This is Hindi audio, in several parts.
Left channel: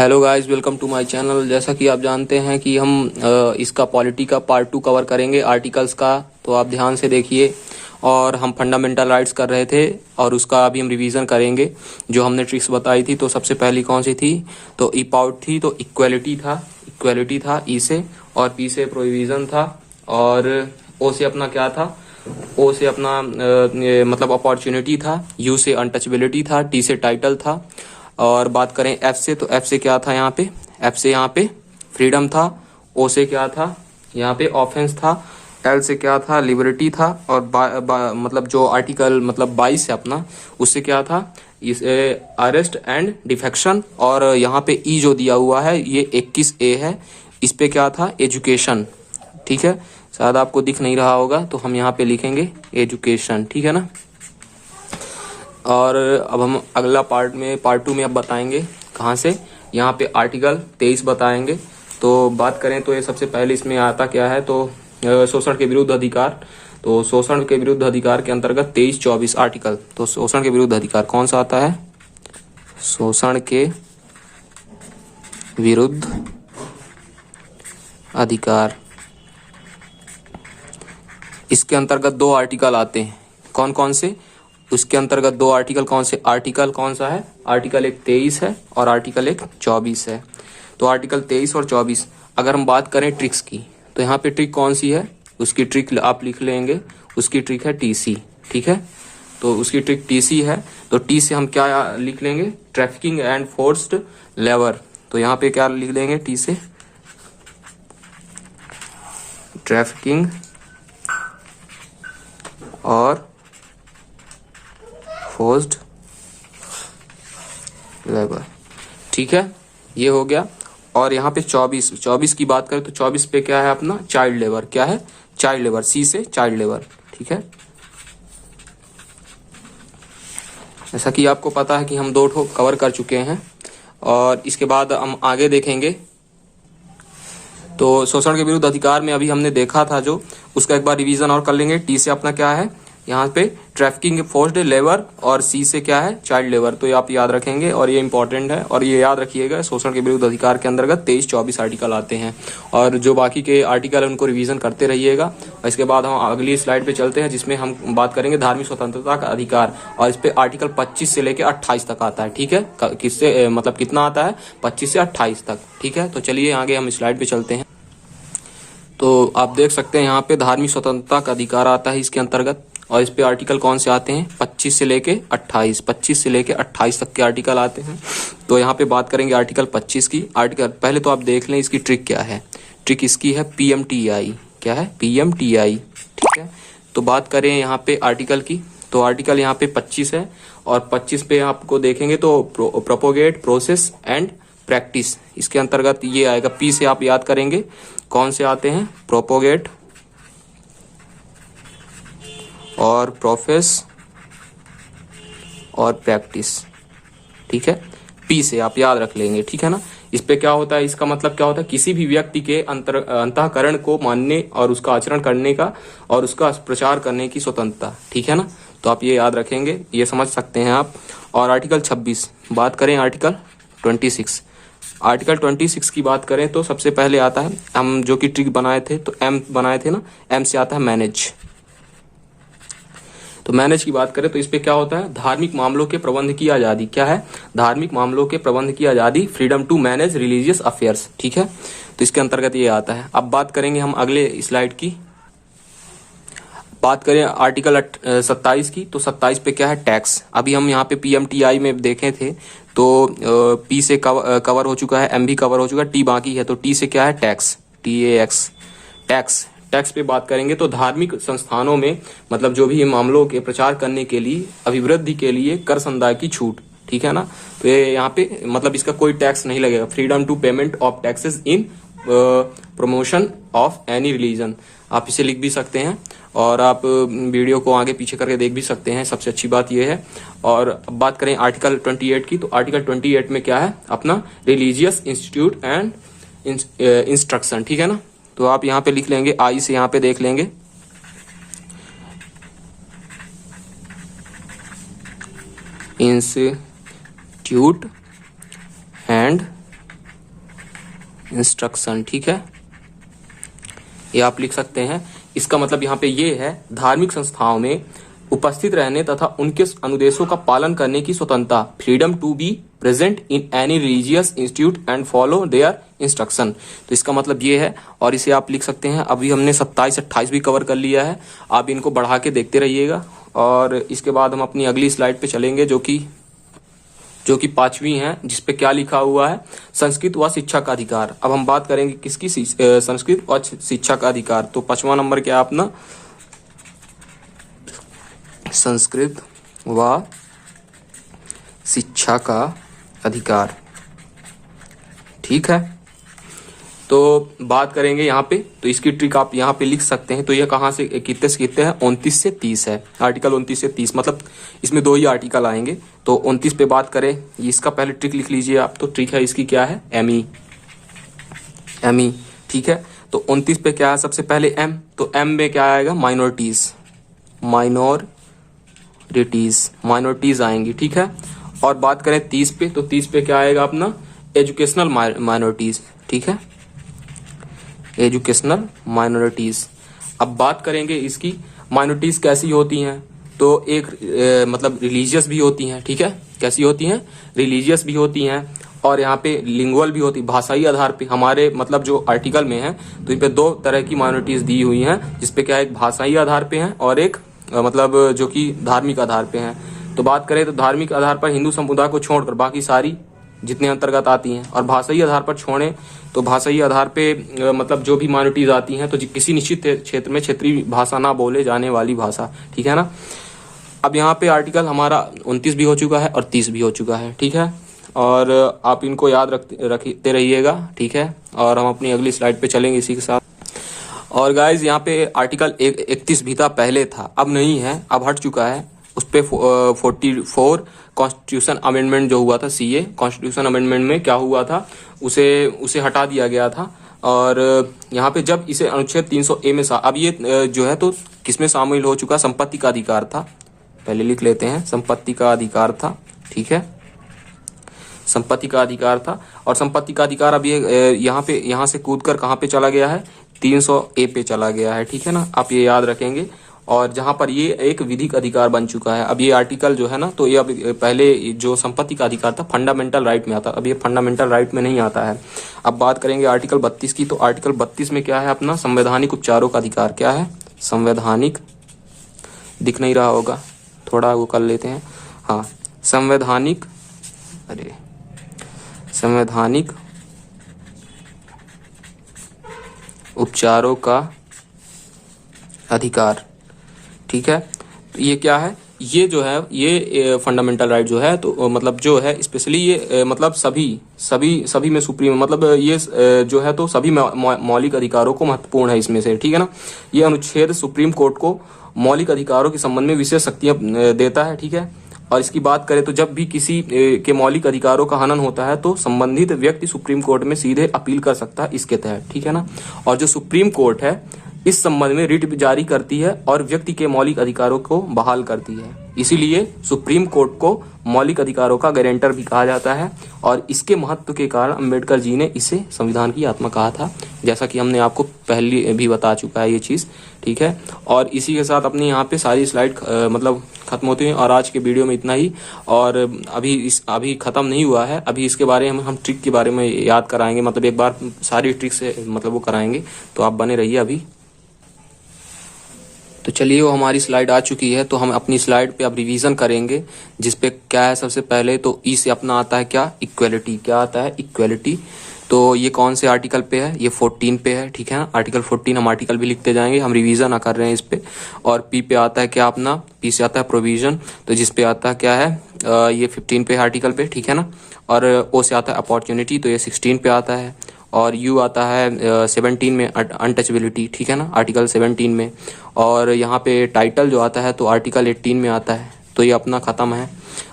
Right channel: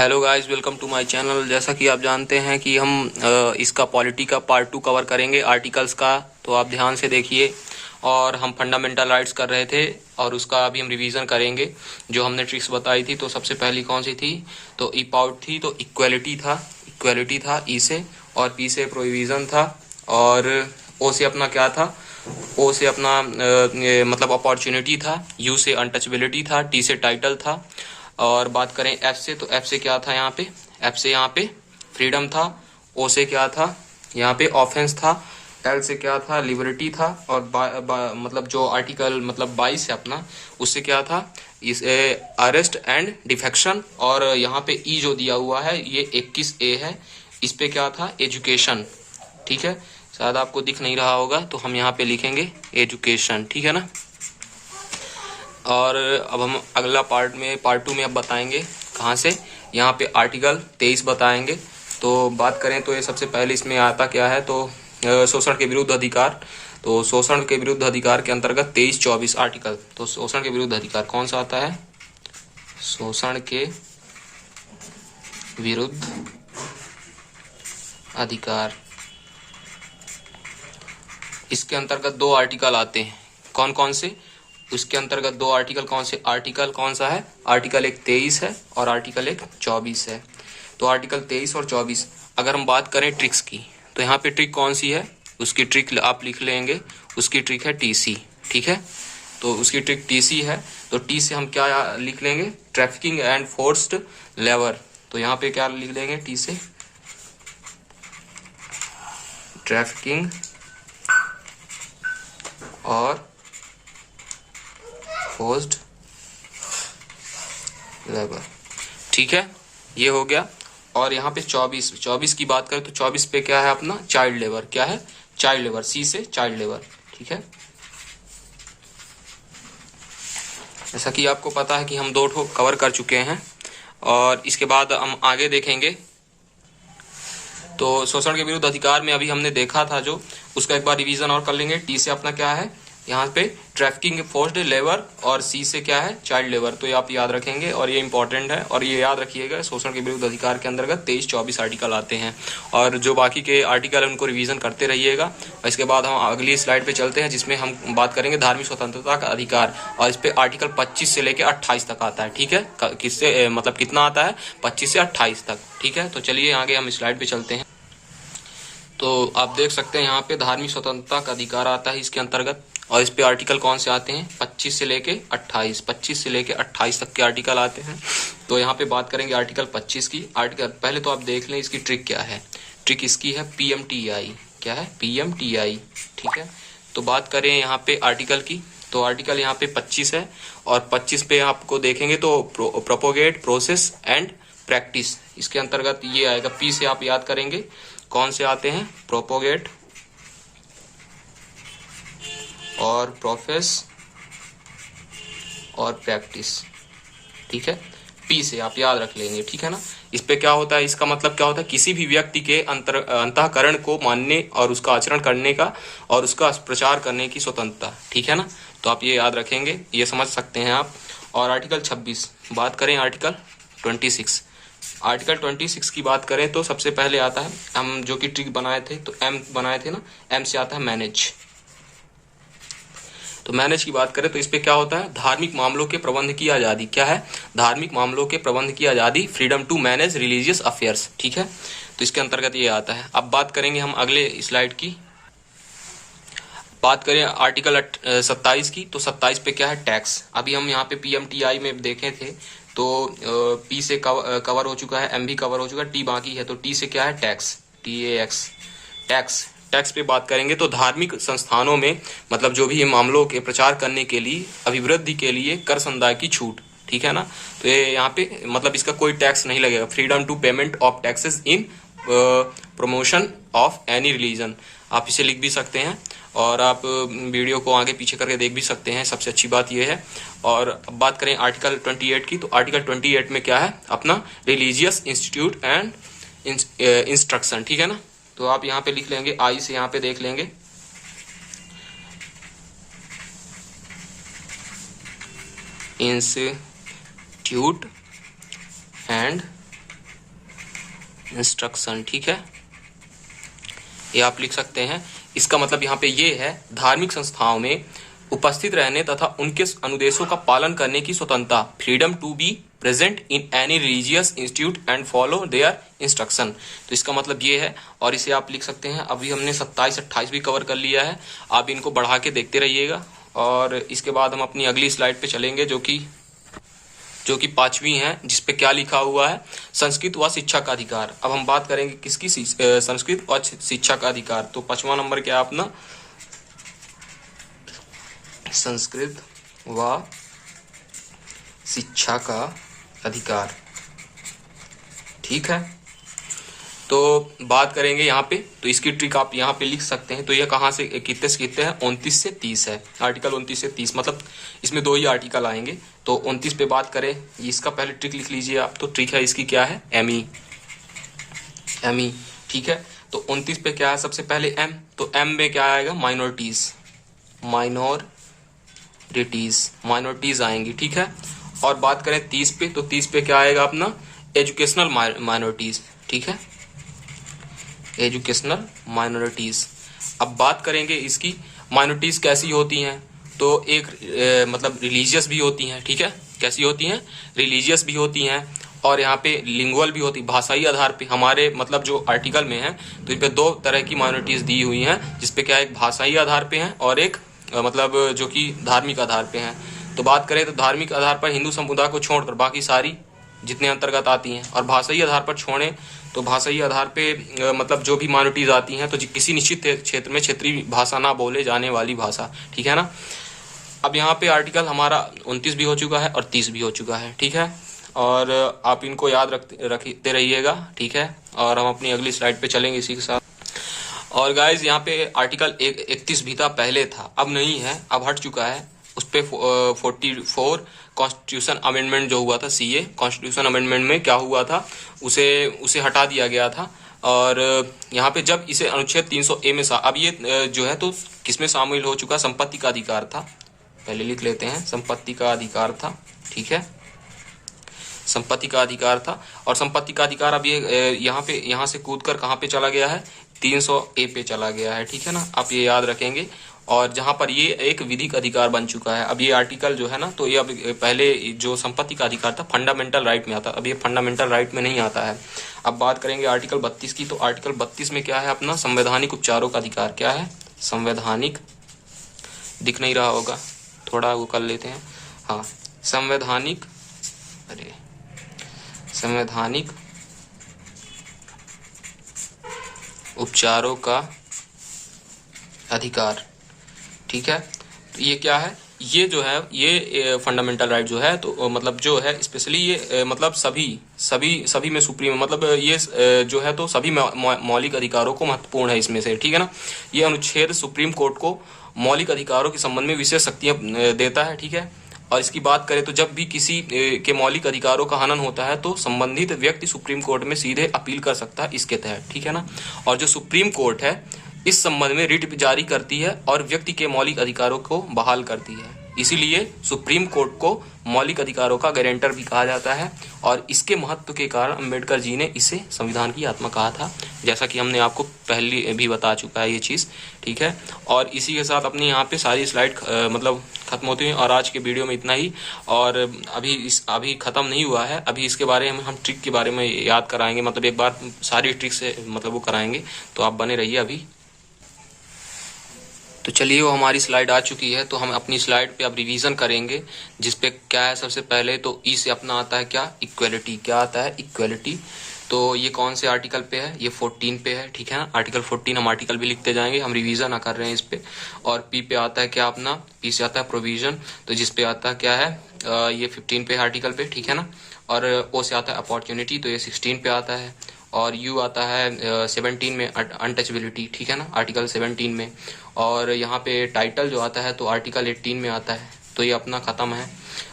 Hello guys, welcome to my channel. जैसा कि आप जानते हैं कि हम इसका पॉलिटी का पार्ट 2 कवर करेंगे, आर्टिकल्स का। तो आप ध्यान से देखिए। और हम फंडामेंटल राइट्स कर रहे थे और उसका अभी हम रिवीजन करेंगे। जो हमने ट्रिक्स बताई थी, तो सबसे पहली कौन सी थी? तो ई पाउट थी, तो इक्वलिटी था ई से, और पी से प्रोविजन था, और ओ से अपना क्या था? ओ से अपना मतलब अपॉर्चुनिटी था, यू से अनटचेबिलिटी था, टी से टाइटल था। और बात करें एफ से, तो एफ से क्या था? एफ से यहाँ पे फ्रीडम था। ओ से क्या था? यहाँ पे ऑफेंस था। एल से क्या था? लिबर्टी था। और मतलब जो आर्टिकल मतलब 22 है अपना, उससे क्या था? इस अरेस्ट एंड डिफेक्शन। और यहाँ पे ई जो दिया हुआ है ये 21A है, इस पे क्या था? एजुकेशन। ठीक है, शायद आपको दिख नहीं रहा होगा, तो हम यहाँ पे लिखेंगे एजुकेशन। ठीक है ना। और अब हम अगला पार्ट 2 में अब बताएंगे कहाँ से? यहाँ पे आर्टिकल 23 बताएंगे। तो बात करें तो ये सबसे पहले इसमें आता क्या है? तो शोषण के विरुद्ध अधिकार। तो शोषण के विरुद्ध अधिकार के अंतर्गत 23-24 आर्टिकल। तो शोषण के विरुद्ध अधिकार कौन सा आता है? शोषण के विरुद्ध अधिकार। इसके अंतर्गत 2 आर्टिकल आते हैं। कौन कौन से? उसके अंतर्गत 2 आर्टिकल कौन से? आर्टिकल कौन सा है? आर्टिकल एक 23 है और आर्टिकल एक 24 है। तो आर्टिकल 23 और 24। अगर हम बात करें ट्रिक्स की, तो यहाँ पे ट्रिक कौन सी है? उसकी ट्रिक आप लिख लेंगे। उसकी ट्रिक है टीसी। ठीक है, तो उसकी ट्रिक टीसी है। तो टी से हम क्या लिख लेंगे? Trafficking and forced labour. तो यहाँ पे क्या लिख लेंगे? टी से ट्रैफिकिंग और फोर्स्ड लेबर। ठीक है, ये हो गया। और यहाँ पे 24 की बात करें तो 24 पे क्या है अपना? Child labour. क्या है? Child labour. सी से चाइल्ड लेबर। ठीक है, जैसा कि आपको पता है कि हम 2 ठो कवर कर चुके हैं और इसके बाद हम आगे देखेंगे। तो शोषण के विरुद्ध अधिकार में अभी हमने देखा था जो, उसका एक बार रिवीजन और कर लेंगे। टी से अपना क्या है? यहाँ पे ट्रैफिकिंग फोर्स्ड लेबर, और सी से क्या है? Child labour. तो ये आप याद रखेंगे और ये इंपॉर्टेंट है। और ये याद रखिएगा, शोषण के विरुद्ध अधिकार के अंतर्गत 23-24 आर्टिकल आते हैं। और जो बाकी के आर्टिकल है उनको रिवीजन करते रहिएगा। इसके बाद हम अगली स्लाइड पे चलते हैं, जिसमें हम बात करेंगे धार्मिक स्वतंत्रता का अधिकार। और इस पे आर्टिकल 25 से लेकर 28 तक आता है। ठीक है, किससे मतलब कितना आता है? 25 से 28 तक। ठीक है, तो चलिए आगे हम स्लाइड पे चलते हैं। तो आप देख सकते हैं यहाँ पे धार्मिक स्वतंत्रता का अधिकार आता है इसके अंतर्गत। और इस पे आर्टिकल कौन से आते हैं? 25 से लेके 28 तक के आर्टिकल आते हैं। तो यहाँ पे बात करेंगे आर्टिकल 25 की। आर्टिकल पहले तो आप देख लें इसकी ट्रिक क्या है। ट्रिक इसकी है PMTI। क्या है? PMTI। ठीक है, तो बात करें यहाँ पे आर्टिकल की, तो आर्टिकल यहाँ पे 25 है। और 25 पे आपको देखेंगे तो प्रोपोगेट, प्रोसेस एंड प्रैक्टिस, इसके अंतर्गत ये आएगा। पी से आप याद करेंगे कौन से आते हैं? प्रोपोगेट और प्रोफेस और प्रैक्टिस। ठीक है, पी से आप याद रख लेंगे। ठीक है ना। इस पे क्या होता है? इसका मतलब क्या होता है? किसी भी व्यक्ति के अंतःकरण को मानने और उसका आचरण करने का और उसका प्रचार करने की स्वतंत्रता। ठीक है ना, तो आप ये याद रखेंगे, ये समझ सकते हैं आप। और आर्टिकल 26 बात करें। आर्टिकल 26 की बात करें तो सबसे पहले आता है, हम जो कि ट्रिक बनाए थे तो एम बनाए थे ना, एम से आता है मैनेज। तो मैनेज की बात करें तो इस पे क्या होता है? धार्मिक मामलों के प्रबंध की आजादी। क्या है? धार्मिक मामलों के प्रबंध की आजादी, freedom to manage religious affairs. ठीक है, तो इसके अंतर्गत ये आता है। अब बात करेंगे हम अगले स्लाइड की। बात करें आर्टिकल 27 की, तो 27 पे क्या है? टैक्स। अभी हम यहाँ पे PMTI में देखे थे तो पी से कवर हो चुका है, एम भी कवर हो चुका है, टी बाकी है। तो टी से क्या है? Tax, TAX। टैक्स पे बात करेंगे तो धार्मिक संस्थानों में मतलब जो भी मामलों के प्रचार करने के लिए, अभिवृद्धि के लिए कर संदाय की छूट। ठीक है ना, तो ये यहाँ पे मतलब इसका कोई टैक्स नहीं लगेगा। Freedom to payment of taxes in promotion of any religion, आप इसे लिख भी सकते हैं और आप वीडियो को आगे पीछे करके देख भी सकते हैं। सबसे अच्छी बात यह है। और अब बात करें आर्टिकल 28 की, तो आर्टिकल 28 में क्या है? अपना रिलीजियस इंस्टीट्यूट एंड इंस्ट्रक्शन। ठीक है ना, तो आप यहाँ पे लिख लेंगे, आई से यहाँ पे देख लेंगे इंस्टीट्यूट एंड इंस्ट्रक्शन, ठीक है, ये आप लिख सकते हैं। इसका मतलब यहाँ पे ये है, धार्मिक संस्थाओं में उपस्थित रहने तथा उनके अनुदेशों का पालन करने की स्वतंत्रता, freedom to be present in any religious institute and follow their instruction. तो इसका मतलब ये है, और इसे आप लिख सकते हैं। अभी हमने 27-28 भी कवर कर लिया है, आप इनको बढ़ा के देखते रहिएगा। और इसके बाद हम अपनी अगली स्लाइड पे चलेंगे, जो कि 5वीं है, जिसपे क्या लिखा हुआ है, संस्कृत व शिक्षा का अधिकार। अब हम बात करेंगे किसकी, संस्कृत व शिक्षा का अधिकार। तो 5वां नंबर क्या है अपना, संस्कृत व शिक्षा का अधिकार, ठीक है। तो बात करेंगे यहाँ पे, तो इसकी ट्रिक आप यहाँ पे लिख सकते हैं। तो ये कहाँ से कितने से कितने है, 29 से 30 है, आर्टिकल 29 से 30, मतलब इसमें 2 ही आर्टिकल आएंगे। तो 29 पे बात करें, इसका पहले ट्रिक लिख लीजिए आप। तो ट्रिक है इसकी क्या है, एमई, ठीक है। तो 29 पे क्या है, सबसे पहले एम, तो एम में क्या आएगा, माइनॉरिटीज आएंगी, ठीक है। और बात करें 30 पे, तो 30 पे क्या आएगा अपना, एजुकेशनल माइनॉरिटीज, ठीक है, एजुकेशनल माइनॉरिटीज। अब बात करेंगे इसकी माइनॉरिटीज कैसी होती हैं, तो एक मतलब रिलीजियस भी होती हैं, ठीक है, कैसी होती हैं, रिलीजियस भी होती हैं, और यहाँ पे लिंगुअल भी होती, भाषाई आधार पे। हमारे मतलब जो आर्टिकल में है, तो इन पे 2 तरह की माइनॉरिटीज दी हुई हैं, जिसपे क्या है, एक भाषाई आधार पे है और एक मतलब जो कि धार्मिक आधार पे है। तो बात करें तो धार्मिक आधार पर हिंदू समुदाय को छोड़कर बाकी सारी जितने अंतर्गत आती हैं, और भाषाई आधार पर छोड़ें तो भाषाई आधार पे मतलब जो भी माइनॉरिटीज आती हैं, तो किसी निश्चित क्षेत्र में क्षेत्रीय भाषा ना बोले जाने वाली भाषा, ठीक है ना। अब यहाँ पे आर्टिकल हमारा 29 भी हो चुका है और 30 भी हो चुका है, ठीक है, और आप इनको याद रखते रहिएगा, ठीक है। और हम अपनी अगली स्लाइड पे चलेंगे इसी के साथ। और गाइज यहाँ पे आर्टिकल 31 भी था, पहले था, अब नहीं है, अब हट चुका है। उस पे 44 कॉन्स्टिट्यूशन अमेंडमेंट जो हुआ था, सीए कॉन्स्टिट्यूशन अमेंडमेंट में क्या हुआ था, उसे हटा दिया गया था। और यहाँ पे जब इसे अनुच्छेद 300A में अब ये जो है तो किसमें शामिल हो चुका, संपत्ति का अधिकार था, पहले लिख लेते हैं, संपत्ति का अधिकार था, ठीक है, संपत्ति का अधिकार था। और संपत्ति का अधिकार अब ये यहाँ से कूद कर कहाँ पे चला गया है, 300A पे चला गया है, ठीक है ना, आप ये याद रखेंगे। और जहां पर ये एक विधिक अधिकार बन चुका है, अब ये आर्टिकल जो है ना, तो ये अब पहले जो संपत्ति का अधिकार था फंडामेंटल राइट में आता, अब ये फंडामेंटल राइट में नहीं आता है। अब बात करेंगे आर्टिकल 32 की, तो आर्टिकल 32 में क्या है अपना, संवैधानिक उपचारों का अधिकार। क्या है, संवैधानिक, दिख नहीं रहा होगा, थोड़ा वो कर लेते हैं, हाँ, संवैधानिक उपचारों का अधिकार, ठीक है। ये क्या है, ये जो है, ये फंडामेंटल राइट जो है, तो मतलब जो है स्पेशली ये मतलब सभी में सुप्रीम, मतलब ये जो है तो सभी मौलिक अधिकारों को महत्वपूर्ण है इसमें से, ठीक है ना। ये अनुच्छेद सुप्रीम कोर्ट को मौलिक अधिकारों के संबंध में विशेष शक्तियां देता है, ठीक है। और इसकी बात करें तो जब भी किसी के मौलिक अधिकारों का हनन होता है तो संबंधित व्यक्ति सुप्रीम कोर्ट में सीधे अपील कर सकता है इसके तहत, ठीक है ना। और जो सुप्रीम कोर्ट है इस संबंध में रिट जारी करती है और व्यक्ति के मौलिक अधिकारों को बहाल करती है। इसीलिए सुप्रीम कोर्ट को मौलिक अधिकारों का गारंटर भी कहा जाता है, और इसके महत्व के कारण अम्बेडकर जी ने इसे संविधान की आत्मा कहा था, जैसा कि हमने आपको पहले भी बता चुका है ये चीज़, ठीक है। और इसी के साथ अपने यहाँ पे सारी स्लाइड मतलब खत्म होती है, और आज के वीडियो में इतना ही। और अभी खत्म नहीं हुआ है, अभी इसके बारे में हम ट्रिक के बारे में याद कराएंगे, मतलब एक बार सारी ट्रिक से मतलब वो कराएंगे, तो आप बने रहिए अभी। तो चलिए, वो हमारी स्लाइड आ चुकी है, तो हम अपनी स्लाइड पे अब रिवीजन करेंगे, जिसपे क्या है, सबसे पहले तो ई से अपना आता है क्या, इक्वलिटी। क्या आता है, इक्वलिटी। तो ये कौन से आर्टिकल पे है, ये 14 पे है, ठीक है ना, आर्टिकल 14। हम आर्टिकल भी लिखते जाएंगे, हम रिवीजन कर रहे हैं इस पे। और पी पे आता है क्या अपना, पी से आता है प्रोविजन, तो जिसपे आता है क्या है, ये 15 पे आर्टिकल पे, ठीक है ना। और ओ से आता है अपॉर्चुनिटी, तो ये 16 पे आता है। और यू आता है 17 में, अनटचेबिलिटी, ठीक है ना, आर्टिकल 17 में। और यहाँ पे टाइटल जो आता है तो आर्टिकल 18 में आता है, तो ये अपना ख़त्म है।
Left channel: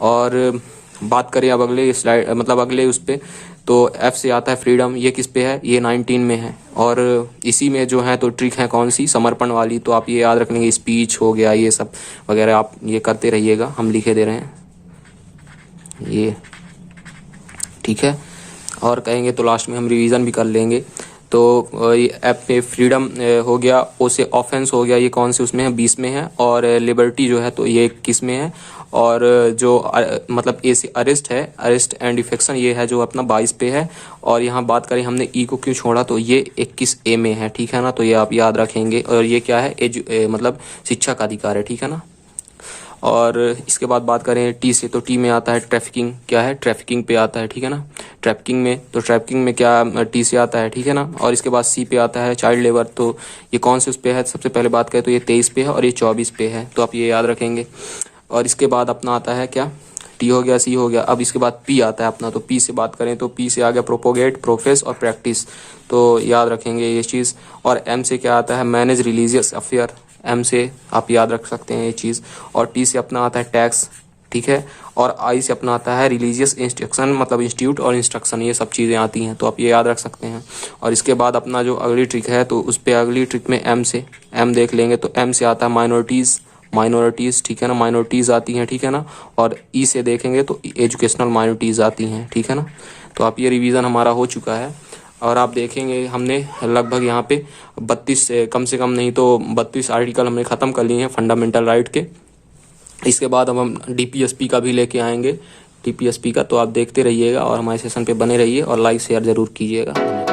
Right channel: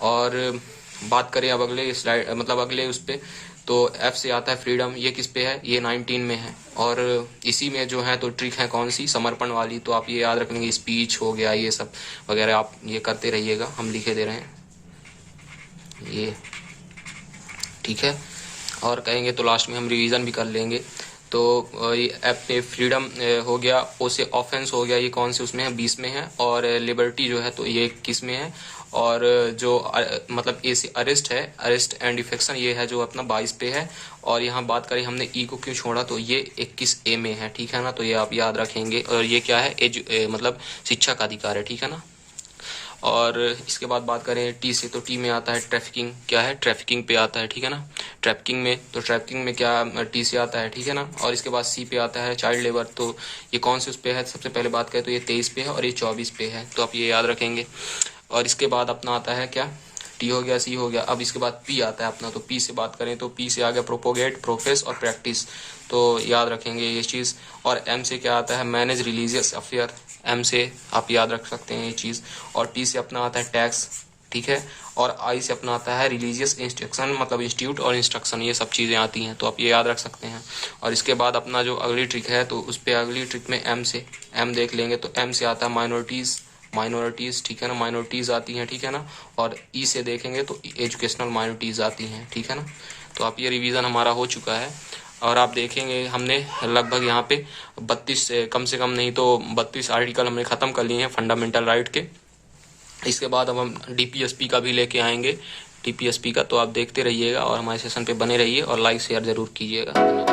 और बात करें अब अगले स्लाइड, मतलब अगले उस पे, तो एफ से आता है फ्रीडम, ये किस पे है, ये 19 में है। और इसी में जो है तो ट्रिक है कौन सी, समर्पण वाली, तो आप ये याद रखेंगे, स्पीच हो गया, ये सब वगैरह आप ये करते रहिएगा, हम लिखे दे रहे हैं ये, ठीक है। और कहेंगे तो लास्ट में हम रिवीजन भी कर लेंगे। तो ये पे फ्रीडम हो गया, ओ से ऑफेंस हो गया, ये कौन से उसमें है, 20 में है। और लिबर्टी जो है तो ये 21 में है। और जो मतलब ए से अरेस्ट है, अरेस्ट एंड डिफेक्शन, ये है जो अपना 22 पे है। और यहाँ बात करें हमने ई को क्यों छोड़ा, तो ये 21 ए में है, ठीक है ना। तो ये आप याद रखेंगे। और ये क्या है, मतलब शिक्षा का अधिकार है, ठीक है ना। और इसके बाद बात करें टी से, तो टी में आता है ट्रैफिकिंग, क्या है, ट्रैफिकिंग पे आता है, ठीक है ना। ट्रैफिकिंग में, तो ट्रैफिकिंग में क्या टी से आता है, ठीक है ना। और इसके बाद सी पे आता है चाइल्ड लेबर, तो ये कौन से उस पे है, सबसे पहले बात करें तो ये 23 पे है और ये 24 पे है, तो आप ये याद रखेंगे। और इसके बाद अपना आता है क्या, टी हो गया, सी हो गया। अब इसके बाद पी आता है अपना, तो पी से बात करें तो पी से आ गया प्रोपोगेट, प्रोफेस और प्रैक्टिस, तो याद रखेंगे ये चीज़। और एम से क्या आता है, मैनेज रिलीजियस अफेयर, एम से आप याद रख सकते हैं ये चीज़। और टी से अपना आता है टैक्स, ठीक है। और आई से अपना आता है रिलीजियस इंस्ट्रक्शन, मतलब इंस्टीट्यूट और इंस्ट्रक्शन, ये सब चीज़ें आती हैं, तो आप ये याद रख सकते हैं। और इसके बाद अपना जो अगली ट्रिक है, तो उस पर अगली ट्रिक में एम से, एम देख लेंगे, तो एम से आता है माइनॉरिटीज़, माइनॉरिटीज़, ठीक है ना, माइनॉरिटीज़ आती हैं, ठीक है ना। और ई से देखेंगे तो एजुकेशनल माइनॉरिटीज़ आती हैं, ठीक है ना। तो आप ये रिवीजन हमारा हो चुका है। और आप देखेंगे हमने लगभग यहाँ पे 32 कम से कम नहीं तो 32 आर्टिकल हमने ख़त्म कर लिए हैं फंडामेंटल राइट के। इसके बाद अब हम डीपीएसपी का भी लेके आएंगे, डीपीएसपी का। तो आप देखते रहिएगा और हमारे सेशन पे बने रहिए और लाइक शेयर ज़रूर कीजिएगा। धन्यवाद।